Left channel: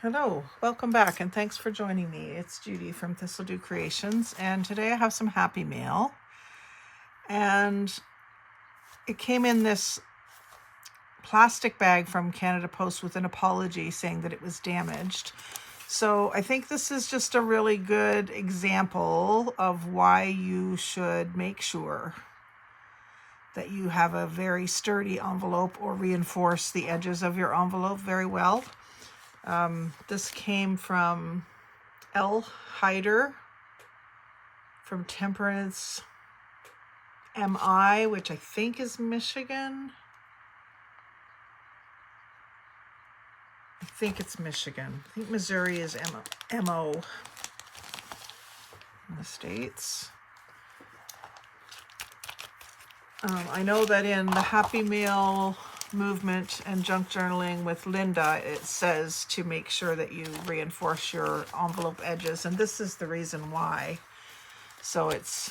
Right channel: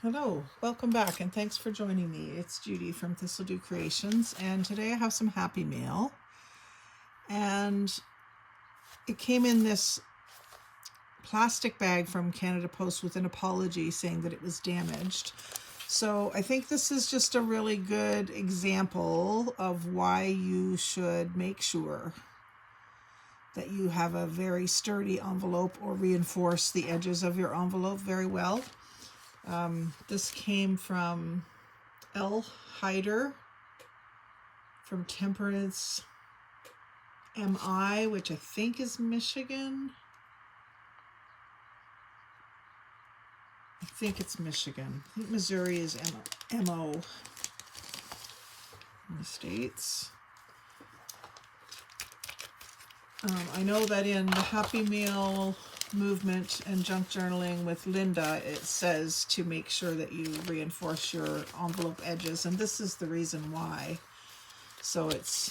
Hello, welcome back, and thanks for joining me. It's Judy from Thistledew Creations, and today I have some happy mail, and it came in this plastic bag from Canada Post with an apology saying that it was damaged. So I think this is just a really good example of why you should make sure that you have a very sturdy envelope or reinforce the edges of your envelope very well. This came from L. Hyder from Temperance MI, which I think is Michigan. I think it's Michigan. I think Missouri is MO in the States. I know that in the Happy Mail movement and junk journaling with Linda, it says to make sure that you reinforce your envelope edges, and this is the reason why. So it's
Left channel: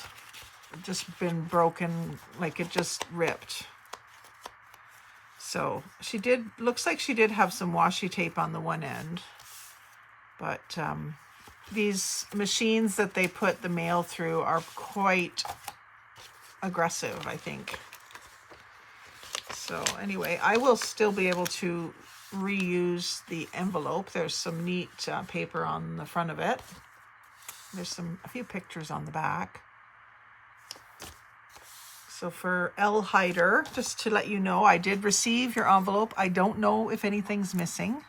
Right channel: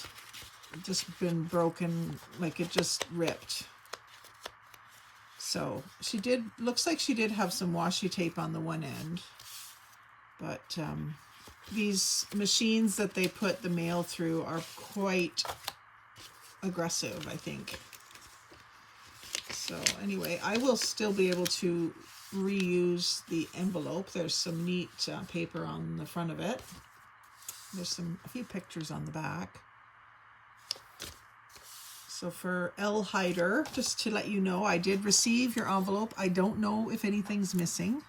just been broken, like it just ripped. So looks like she did have some washi tape on the one end, but these machines that they put the mail through are quite aggressive, I think. So anyway, I will still be able to reuse the envelope. There's some neat paper on the front of it. There's a few pictures on the back. So for L. Hyder, just to let you know, I did receive your envelope. I don't know if anything's missing,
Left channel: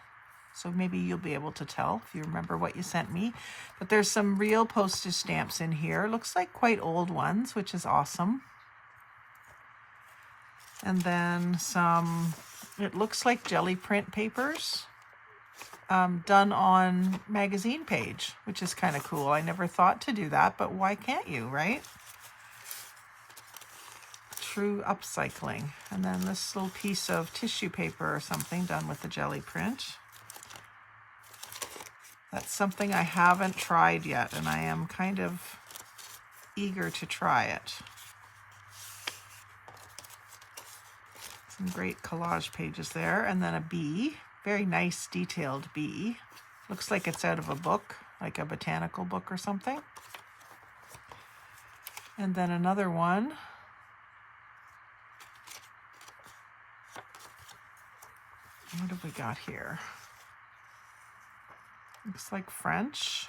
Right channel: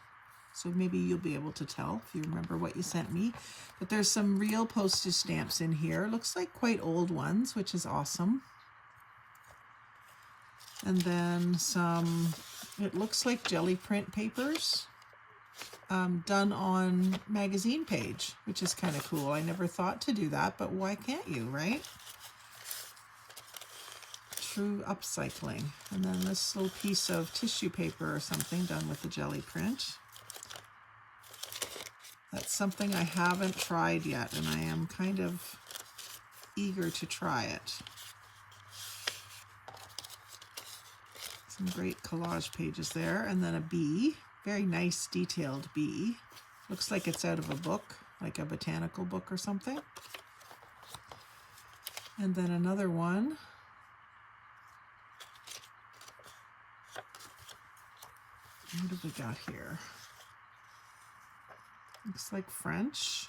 so maybe you'll be able to tell if you remember what you sent me. But there's some real postage stamps in here. Looks like quite old ones, which is awesome. And then some, it looks like jelly print papers done on magazine page, which is kind of cool. I never thought to do that, but why can't you, right? True upcycling. And then this little piece of tissue paper or something done with the jelly print. That's something I haven't tried yet, and I am kind of eager to try it. Some great collage pages there, and then a bee, very nice detailed bee. Looks like it's out of a book, like a botanical book or something. And then another one. What have we got here? Looks like French.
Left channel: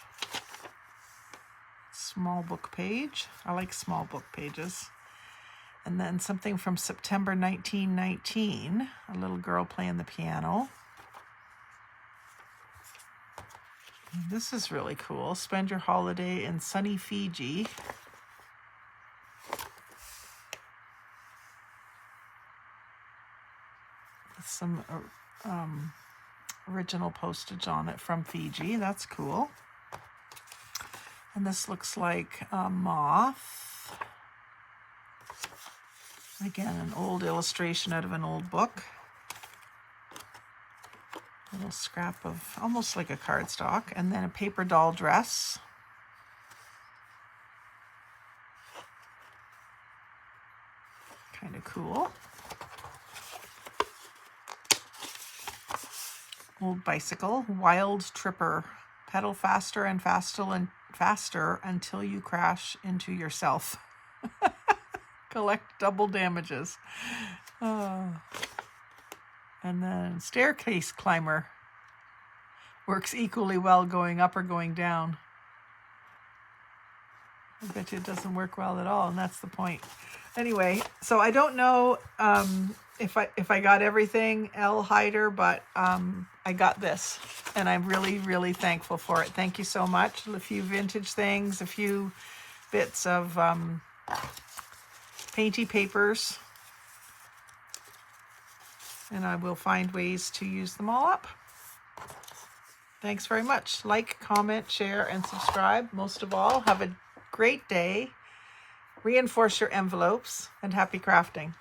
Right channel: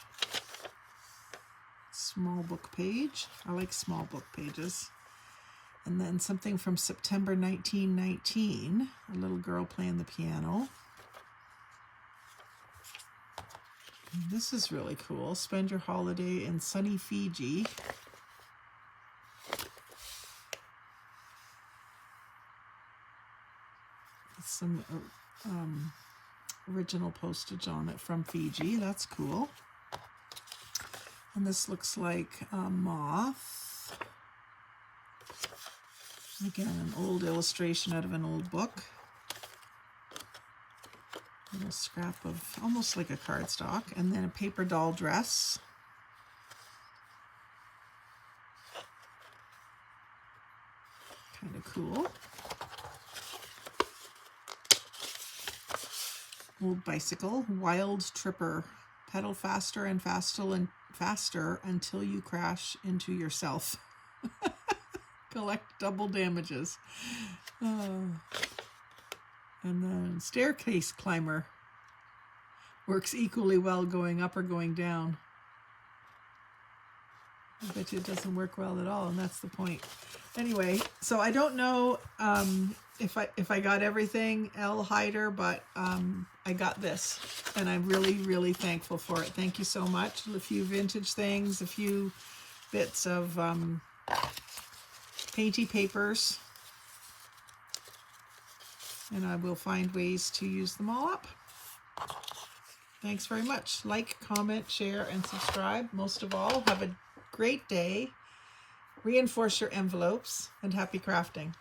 Small book page. I like small book pages. And then something from September 1919, a little girl playing the piano. This is really cool. Spend your holiday in sunny Fiji. With some original postage on it from Fiji. That's cool. And this looks like a moth. Again, an old illustration out of an old book. A little scrap of almost like a cardstock. And then a paper doll dress. Kind of cool. Old bicycle. Wild tripper. Pedal faster and faster until you crash into yourself. Collect double damages. And then staircase climber. Works equally well going up or going down. I bet you it doesn't work well at all, and that's the point. Anyway, so I don't know if I got everything, L. Hyder, but I got this, and I'm really, really thankful for it. Thank you so much. A few vintage things, a few bits of painty papers, and I will find ways to use them all up. Thanks very much. Like, comment, share, and subscribe. Most of all, have a great day. Reinforce your envelopes, and happy crafting.